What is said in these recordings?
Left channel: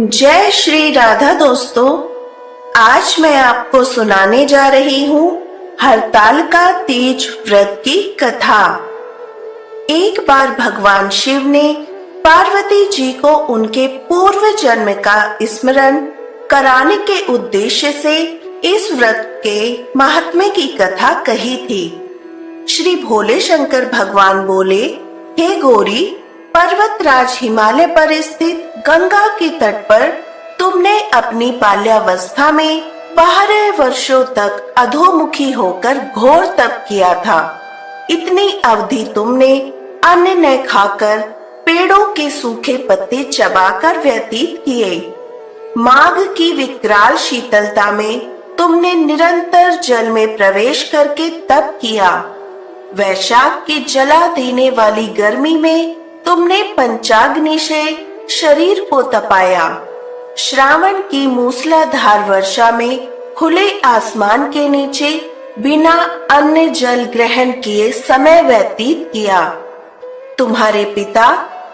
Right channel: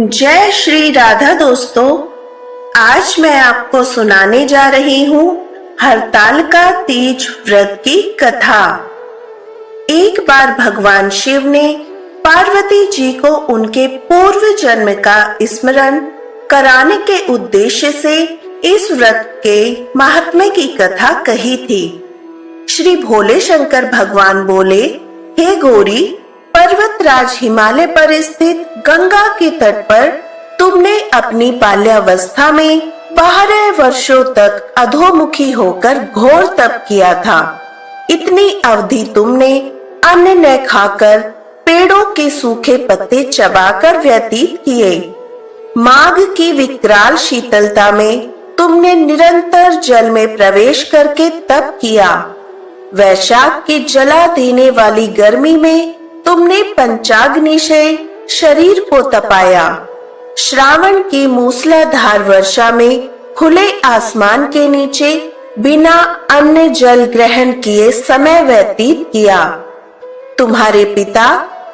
जय श्री राधा दोस्तों। आज मैं आपको सुनाने जा रही हूँ हरतालिका तीज व्रत की कथा। एक बार भगवान शिव ने पार्वती जी को उनके पूर्व जन्म का स्मरण कराने के उद्देश्य से इस व्रत के महात्म्य की कथा कही थी। श्री भोले शंकर भगवान बोले, हे गौरी, पर्वतराज हिमालय पर स्थित गंगा के तट पर तुमने अपनी बाल्यावस्था में 12 वर्षों तक अधोमुखी होकर घोर तप किया था। इतनी अवधि तुमने अन्न न खाकर पेड़ों के सूखे पत्ते चबाकर व्यतीत किए। माघ की विकराल शीतलता में तुमने निरंतर जल में प्रवेश करके तप किया। वैशाख की जला देने वाली गर्मी में तुमने पंचाग्नि से शरीर को तपाया। श्रावण की मूसलाधार वर्षा में खुले आसमान के नीचे बिना अन्न जल ग्रहण किए समय व्यतीत किया। तुम्हारे पिता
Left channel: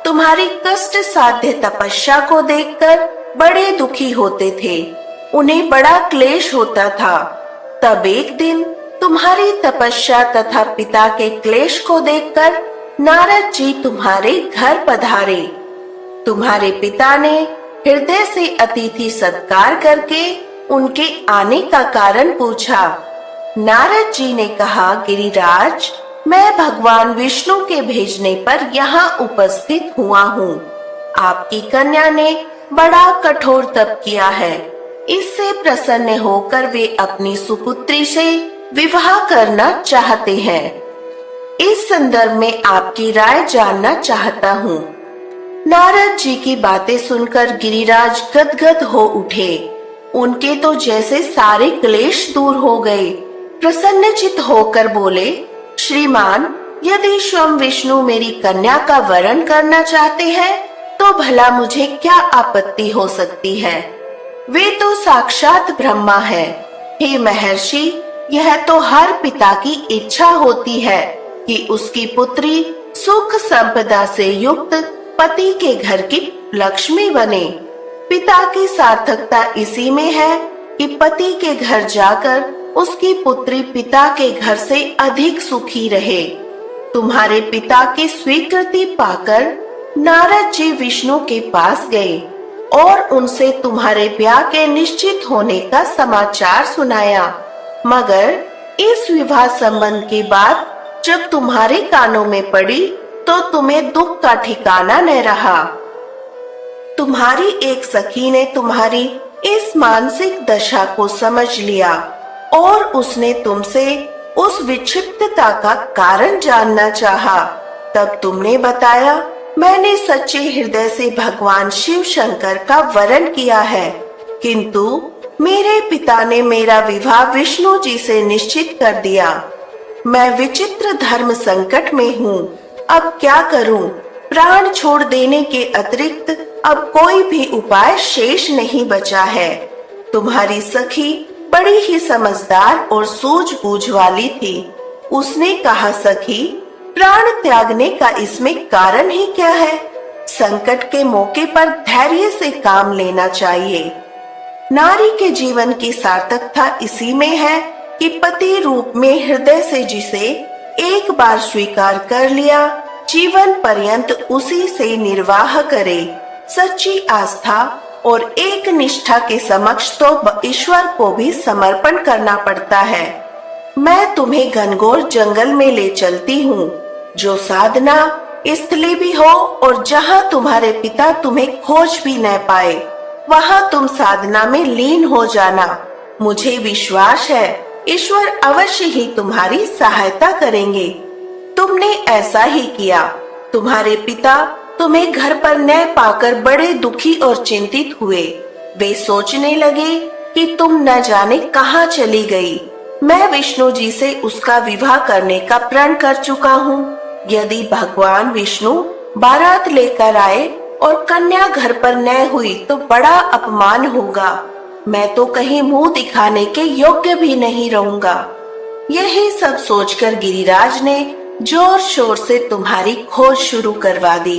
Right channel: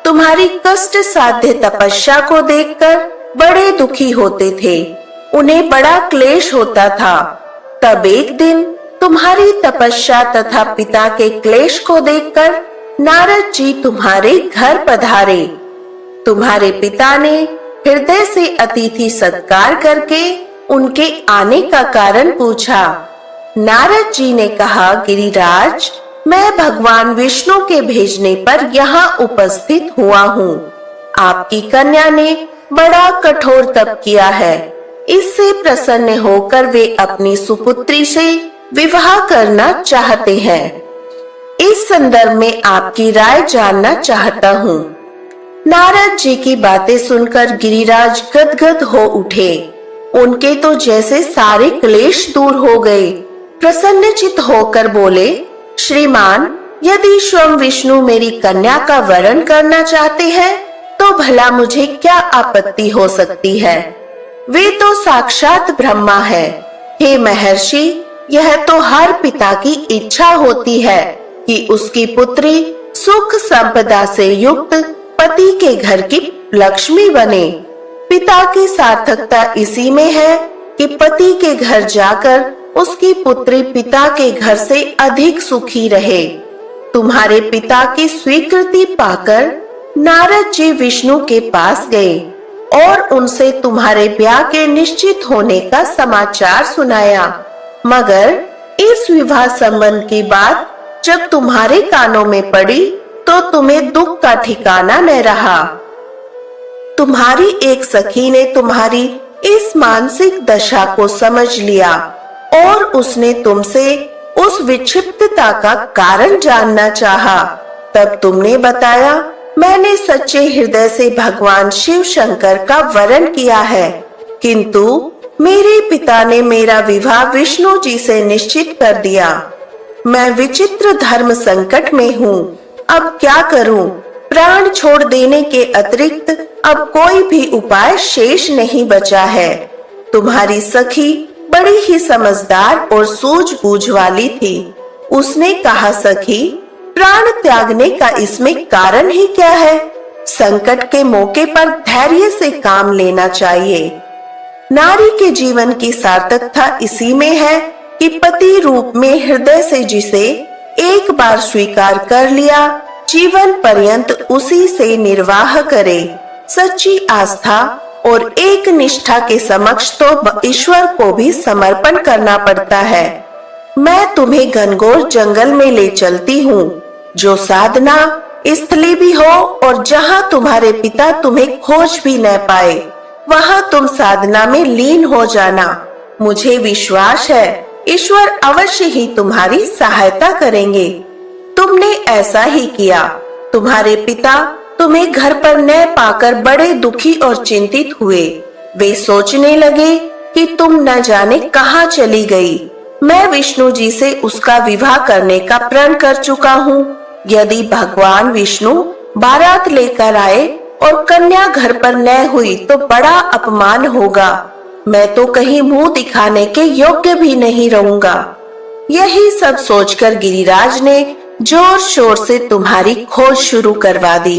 तुम्हारी कष्ट साध्य तपस्या को देखकर बड़े दुखी होते थे। उन्हें बड़ा क्लेश होता था। तब एक दिन तुम्हारी तपस्या तथा पिता के क्लेश को देखकर नारद जी तुम्हारे घर पधारे। तुम्हारे पिता ने हृदय से अतिथि सत्कार करके उनके आने का कारण पूछा। नारद जी ने कहा, गिरिराज, मैं भगवान विष्णु के भेजने पर यहाँ उपस्थित हुआ हूँ। आपकी कन्या ने बड़ा कठोर तप किया है। इससे प्रसन्न होकर वे अपनी सुपुत्री से विवाह करना चाहते हैं। इस संदर्भ में आपकी राय जानना चाहता हूँ। नारद जी की बातें सुनकर गिरिराज गदगद हो उठे। उनके तो जैसे सारे क्लेश दूर हो गए। प्रसन्नचित होकर बोले, श्रीमान, यदि स्वयं विष्णु मेरी कन्या का वरण करना चाहते हैं तो भला मुझे क्या आपत्ति हो सकती है। वे तो साक्षात ब्रह्मा है। हे महर्षि, यह तो हर पिता की इच्छा होती है कि उसकी पुत्री सुख संपदा से युक्त पति के घर की लक्ष्मी बने। पिता की सार्थकता इसी में है कि पति के घर जाकर उसकी पुत्री पिता के घर से अधिक सुखी रहे। तुम्हारे पिता की स्वीकृति पाकर नारद जी विष्णु के पास गए और उनसे तुम्हारे ब्याह के निश्चित होने का समाचार सुनाया। मगर इस विवाह संबंध की बात जब तुम्हारे कानों में पड़ी तो तुम्हें दुख का ठिकाना न रहा। तुम्हारी एक सखी ने तुम्हारी इस मानसिक दशा को समझ लिया और उसने तुमसे उस विक्षिप्तता का कारण जानना चाहा। तब तुमने बताया, मैंने सच्चे हृदय से भगवान शिव शंकर का वरण किया है, किंतु मेरे पिता ने मेरा विवाह विष्णु जी से निश्चित कर दिया। मैं विचित्र धर्म संकट में हूँ। अब क्या करूँ? प्राण छोड़ देने के अतिरिक्त अब कोई भी उपाय शेष नहीं बचा है। तुम्हारी सखी बड़ी ही समझदार और सूझबूझ वाली थी। उसने कहा, सखी, प्राण त्यागने का इसमें कारण ही क्या है? संकट के मौके पर धैर्य से काम लेना चाहिए। नारी के जीवन की सार्थकता इसी में है कि पति रूप में हृदय से जिसे एक बार स्वीकार कर लिया, जीवन पर्यंत उसी से निर्वाह करे। सच्ची आस्था और एक निष्ठा के समक्ष तो ईश्वर को भी समर्पण करना पड़ता है। मैं तुम्हें घनघोर जंगल में ले चलती हूँ, जो साधना स्थली भी हो और जहाँ तुम्हारे पिता तुम्हें खोज भी न पाए, वहाँ तुम साधना में लीन हो जाना। मुझे विश्वास है ईश्वर अवश्य ही तुम्हारी सहायता करेंगे। तुमने ऐसा ही किया। तुम्हारे पिता तुम्हें घर पर न पाकर बड़े दुखी और चिंतित हुए। वे सोचने लगे कि तुम न जाने कहाँ चली गई। मैं विष्णु जी से उसका विवाह करने का प्रण कर चुका हूँ। यदि भगवान विष्णु बारात लेकर आए और कन्या घर पर न हुई तो बड़ा अपमान होगा। मैं तो कहीं मुंह दिखाने के योग्य भी नहीं रहूंगा। यही सब सोचकर गिरिराज ने जोर शोर से तुम्हारी खोज शुरू करवा दी।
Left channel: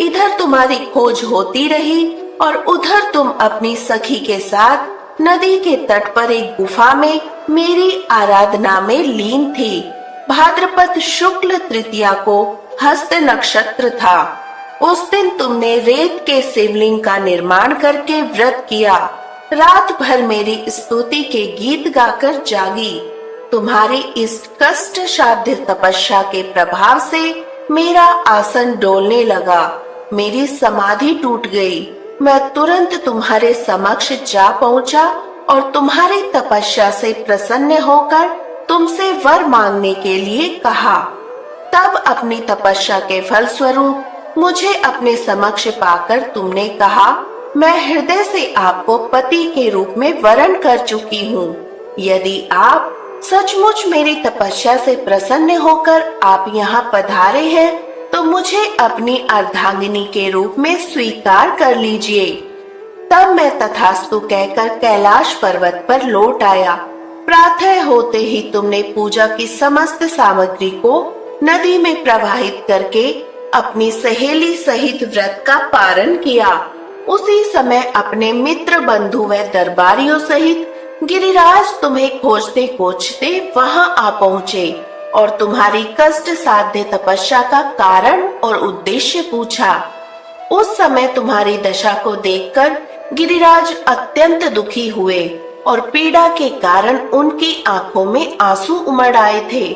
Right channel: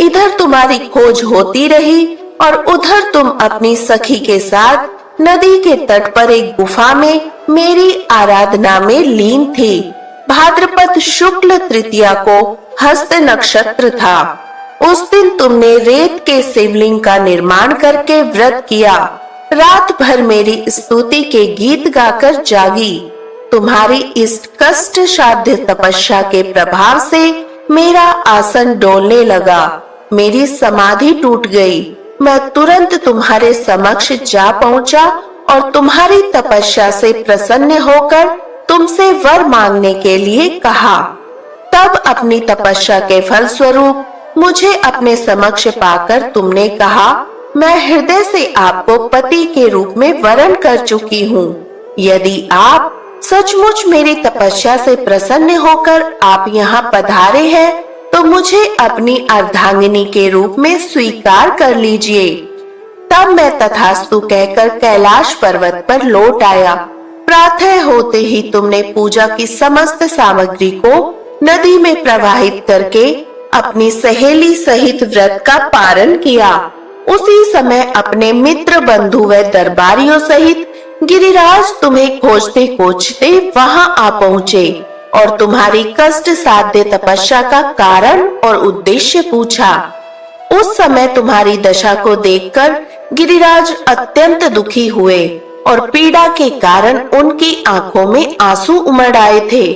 इधर तुम्हारी खोज होती रही और उधर तुम अपनी सखी के साथ नदी के तट पर एक गुफा में मेरी आराधना में लीन थी। भाद्रपद शुक्ल तृतीया को हस्त नक्षत्र था। उस दिन तुमने रेत के शिवलिंग का निर्माण करके व्रत किया। रात भर मेरी स्तुति के गीत गाकर जागी। तुम्हारी इस कष्ट साध्य तपस्या के प्रभाव से मेरा आसन डोलने लगा। मेरी समाधि टूट गई। मैं तुरंत तुम्हारे समक्ष जा पहुंचा और तुम्हारी तपस्या से प्रसन्न होकर तुमसे वर मांगने के लिए कहा। तब अपनी तपस्या के फल स्वरूप मुझे अपने समक्ष पाकर तुमने कहा, मैं हृदय से आपको पति के रूप में वरण कर चुकी हूँ। यदि आप सचमुच मेरी तपस्या से प्रसन्न होकर आप यहाँ पधारे हैं, तो मुझे अपनी अर्धांगिनी के रूप में स्वीकार कर लीजिए। तब मैं तथास्तु कहकर कैलाश पर्वत पर लौट आया। प्रातः होते ही तुमने पूजा की समस्त सामग्री को नदी में प्रवाहित करके अपनी सहेली सहित व्रत का पारण किया। उसी समय अपने मित्र बंधु व दरबारियों सहित गिरिराज तुम्हें खोजते खोजते वहां आ पहुँचे और तुम्हारी कष्ट साध्य तपस्या का कारण और उद्देश्य पूछा। उस समय तुम्हारी दशा को देखकर गिरिराज अत्यंत दुखी हुए और पीड़ा के कारण उनकी आंखों में आंसू उमड़ आए थे।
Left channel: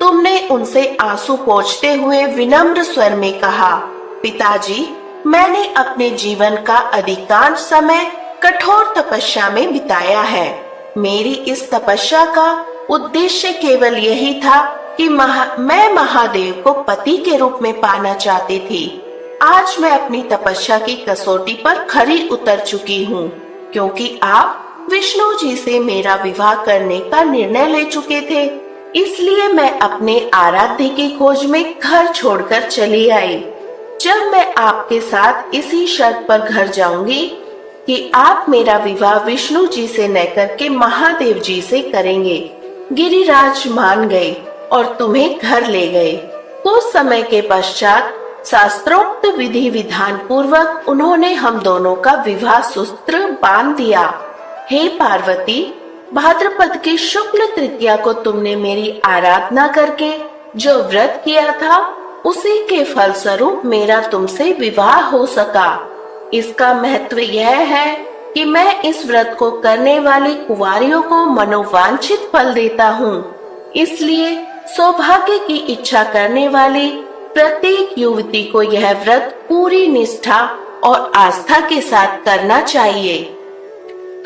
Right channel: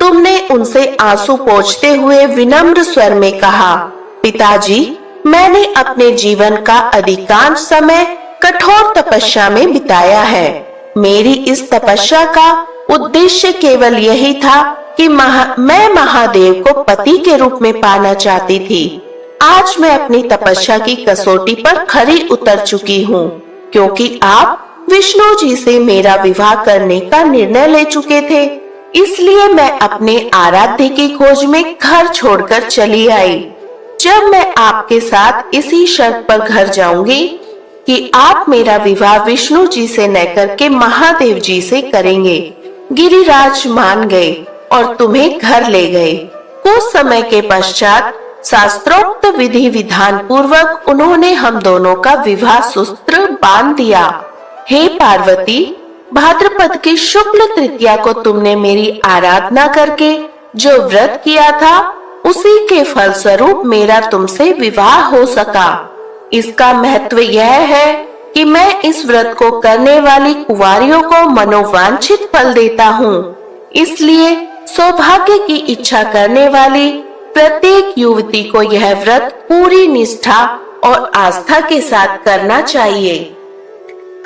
तुमने उनसे आंसू पोंछते हुए विनम्र स्वर में कहा, पिताजी, मैंने अपने जीवन का अधिकांश समय कठोर तपस्या में बिताया है। मेरी इस तपस्या का उद्देश्य केवल यही था कि मैं महादेव को पति के रूप में पाना चाहती थी। आज मैं अपनी तपस्या की कसौटी पर खरी उतर चुकी हूँ, क्योंकि आप विष्णु जी से मेरा विवाह करने का निर्णय ले चुके थे। इसलिए मैं अपने आराध्य की खोज में घर छोड़कर चली आई। जब मैं आपके साथ इसी शर्त पर घर जाऊंगी कि आप मेरा विवाह विष्णु जी से न करके महादेव जी से करेंगे। गिरिराज मान गए और तुम्हें घर ले गए। कुछ समय के पश्चात शास्त्रोक्त विधि विधान पूर्वक उन्होंने हम दोनों का विवाह सूत्र बांध दिया। हे पार्वती, भाद्रपद की शुक्ल तृतीया को तुमने मेरी आराधना करके जो व्रत किया था, उसी के फल स्वरूप मेरा तुमसे विवाह हो सका। इसका महत्व यह है कि मैं इस व्रत को करने वाली कुंवारियों को मनोवांछित फल देता हूँ। इसलिए सौभाग्य की इच्छा करने वाली प्रत्येक युवती को यह व्रत पूरी निष्ठा और आस्था के साथ करना चाहिए।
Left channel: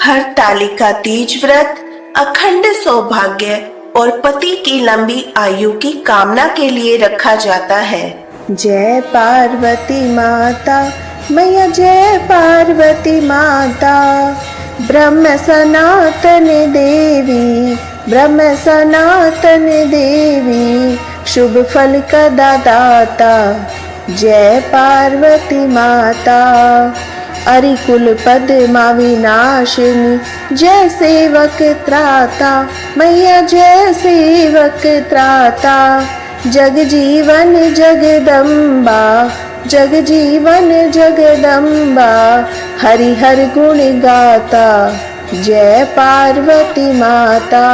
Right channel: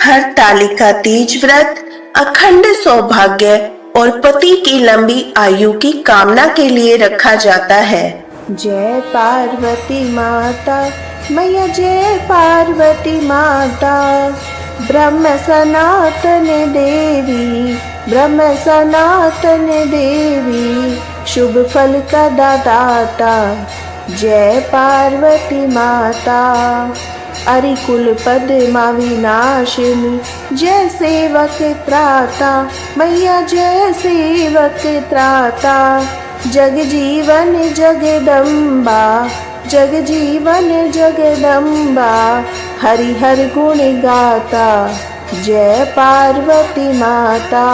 हरतालिका तीज व्रत अखंड सौभाग्य और पति की लंबी आयु की कामना के लिए रखा जाता है। जय पार्वती माता, मैया जय पार्वती माता। ब्रह्म सनातन देवी, ब्रह्म सनातन देवी, शुभ फल का दाता। जय पार्वती माता। अरिकुल पद्मा विनाशिनी, जय सेवक त्राता, मैया जय सेवक त्राता। जग जीवन जगदम्बा, जग जीवन जगदम्बा, हरि हर गुण गाता। जय पार्वती माता।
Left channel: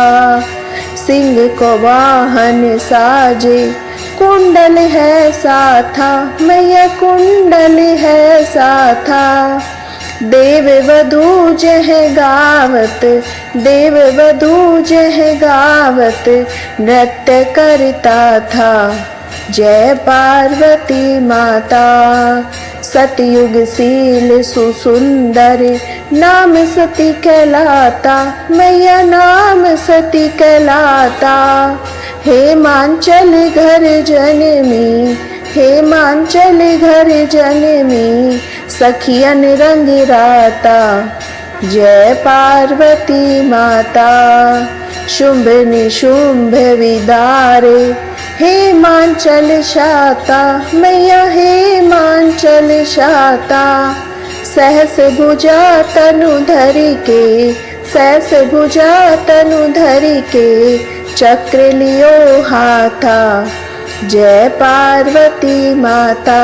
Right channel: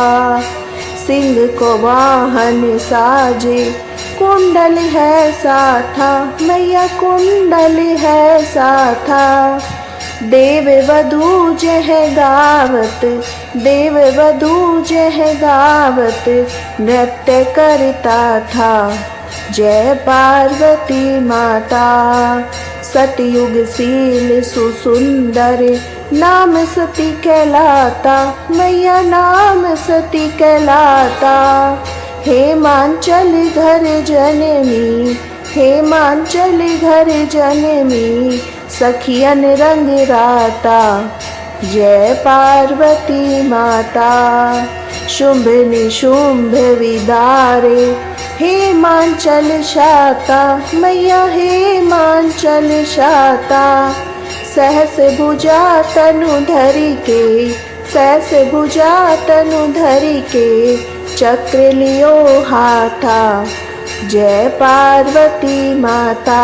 सिंह को वाहन साजे, कुंडल है साथा, मैया कुंडल है साथा। देव वधू जह गावत, देव वधू जह गावत, नृत्य करता था। जय पार्वती माता। सतयुग शील सुसुंदर, नाम सती कहलाता, मैया नाम सती कहलाता। हेमांचल घर जनमी, हेमांचल घर जनमी, सखियन रंग राता। जय पार्वती माता। शुंभ निशुंभ विदारे, हेमांचल शाता, मैया हेमांचल शाता। सहस भुजा तनु धरि के, सहस भुजा तनु धरि के, चक्र लियो हाथा। जय पार्वती माता।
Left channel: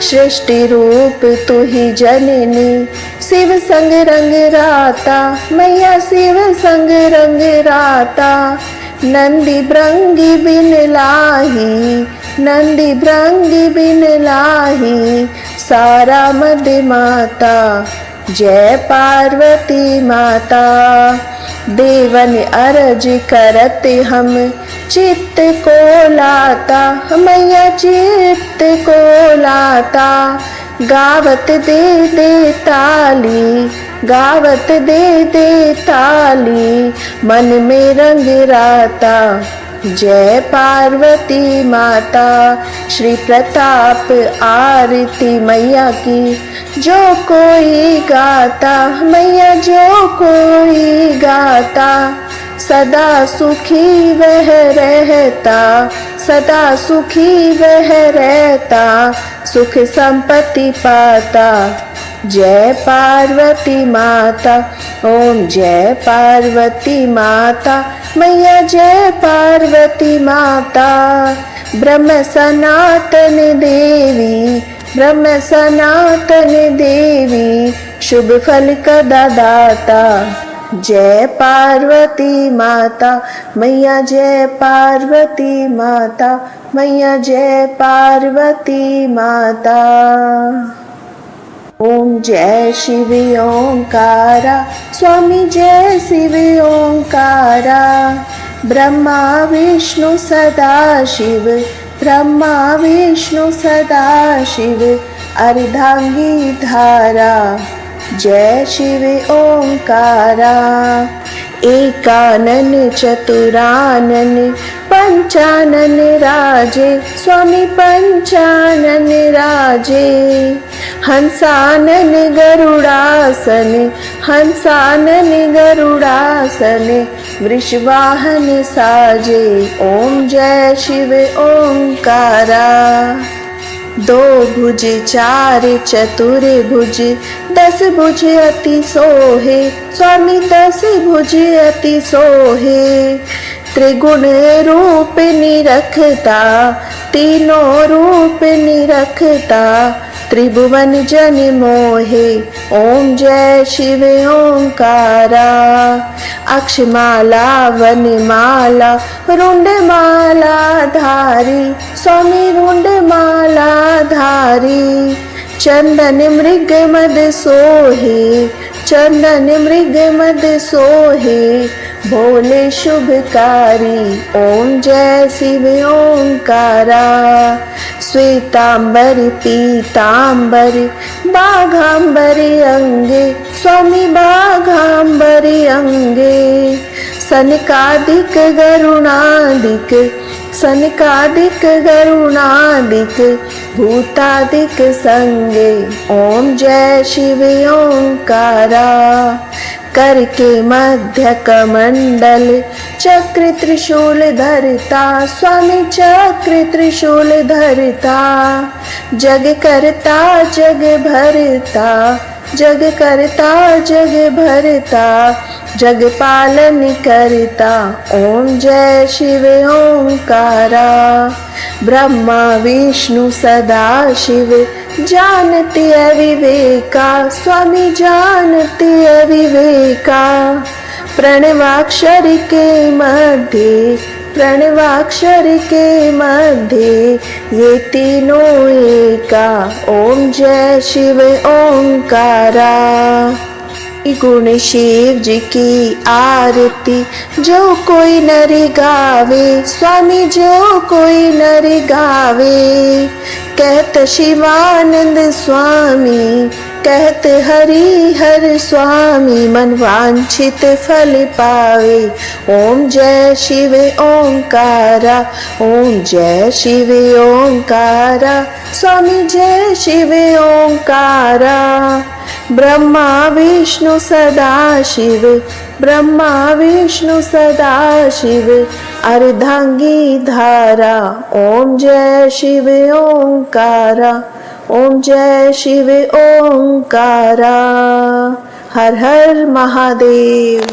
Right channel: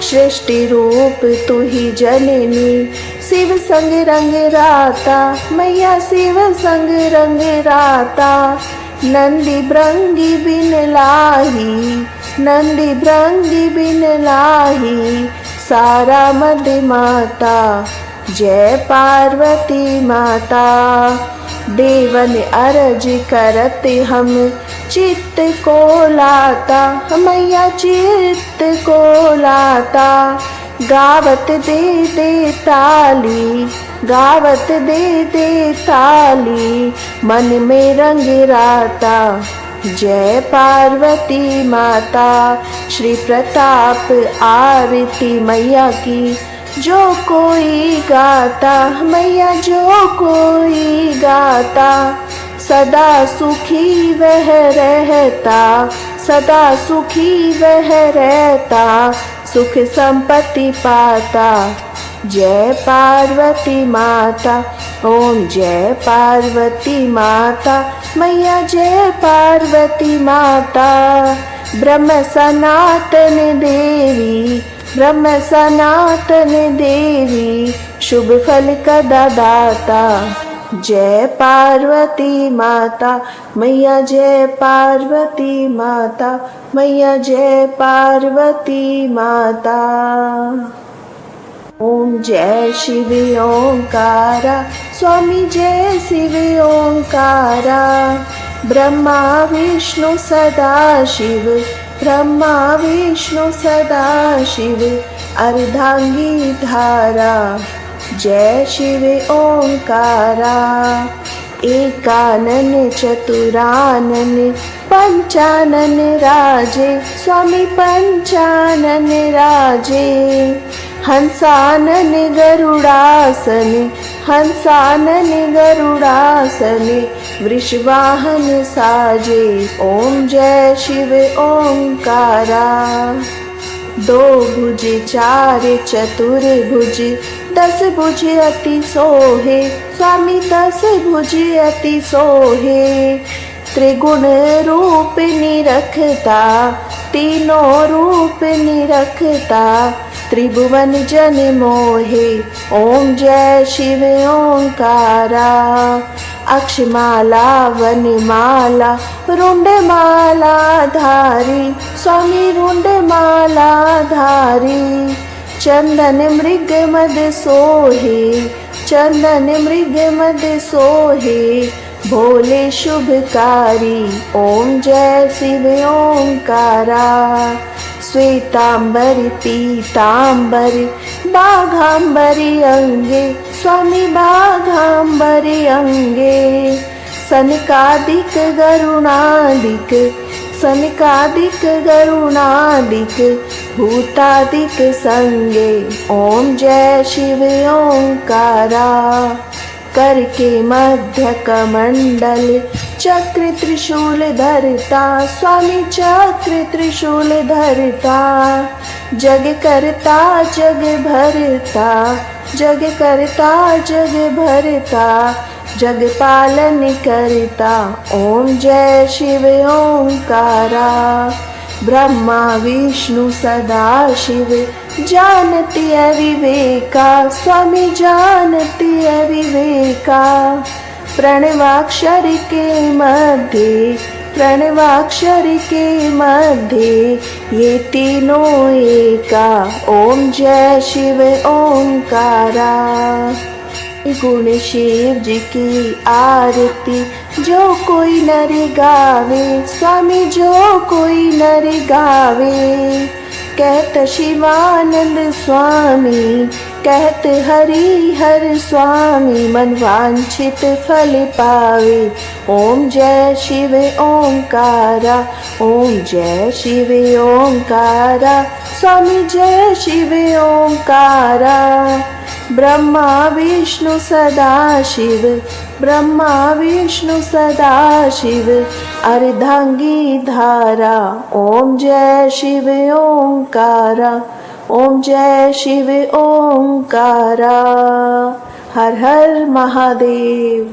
सृष्टि रूप तू ही जननी, शिव संग रंग राता, मैया शिव संग रंग राता। नंदी भृंगी बिन लाही, नंदी भृंगी बिन लाही, सारा मद माता, जय पार्वती माता। देवन अरज करत हम चित्त को लाता, मैया चित्त को लाता। गावत दे दे ताली, गावत दे दे ताली, मन में रंग राता, जय पार्वती माता। श्री प्रताप आरती मैया की, जो कोई गाता, मैया जो कोई गाता, सदा सुखी वह रहता, सदा सुखी वह रहता, सुख संपत्ति पाता, जय पार्वती माता। ओम जय पार्वती माता, मैया जय पार्वती माता। ब्रह्म सनातन देवी, ब्रह्म सनातन देवी, शुभ फल कदा दाता, जय पार्वती माता, मैया जय पार्वती माता, मैया जय पार्वती माता। ओम जय शिव ओंकारा, स्वामी जय शिव ओंकारा। ब्रह्मा विष्णु सदा शिव, ब्रह्मा विष्णु सदा शिव, अर्धांगी धारा, जय शिव ओंकारा। एकानन चतुरानन पंचानन राजे, स्वामी पंचानन राजे। हंसानन गरुड़ासन, हंसानन गरुड़ासन, वृषवाहन साजे। ओम जय शिव ओंकारा। दो भुज चार चतुर भुज, 10 भुज अति सोहे, स्वामी 10 भुज अति सोहे। त्रिगुण रूप निरखता, तीनों रूप निरखता, त्रिभुवन जन मोहे। ओम जय शिव ओंकारा। अक्षमाला वनमाला रुंडमाला धारी, स्वामी रुंडमाला धारी। चंदन मृग मद सोहे, चंदन मृग मद सोहे, भोले शुभकारी। ओम जय शिव ओंकारा। श्वेतांबर पीतांबर बाघांबरी अंगे, स्वामी बाघांबरी अंगे। सनकादिक गरुणादिक, सनकादिक गरुणादिक, भूतादिक संगे। ओम जय शिव ओंकारा। करके मध्य कमंडल चक्र त्रिशूल धरता, स्वामी चक्र त्रिशूल धरता। जग करता जग भरता, जग करता जग भरता, जग पालन करता। ओम जय शिव ओंकारा। ब्रह्मा विष्णु सदा शिव, जानती अविवेका, स्वामी जानती अविवेका। प्रणवाक्षर के मध्य, प्रणवाक्षर के मध्य, ये तीनों एका। ओम जय शिव ओंकारा। गुण शिव जी की आरती जो कोई नर गावे, स्वामी जो कोई नर गावे। कहत शिवानंद स्वामी, कहत हरि हर स्वामी, मन वांछित फल पावे। ओम जय शिव ओंकारा। ओम जय शिव ओंकारा, स्वामी जय शिव ओंकारा। ब्रह्मा विष्णु सदा शिव, ब्रह्मा विष्णु सदा शिव, अर्धांगी धारा। ओम जय शिव ओंकारा। ओम जय शिव ओंकारा। हर हर महादेव।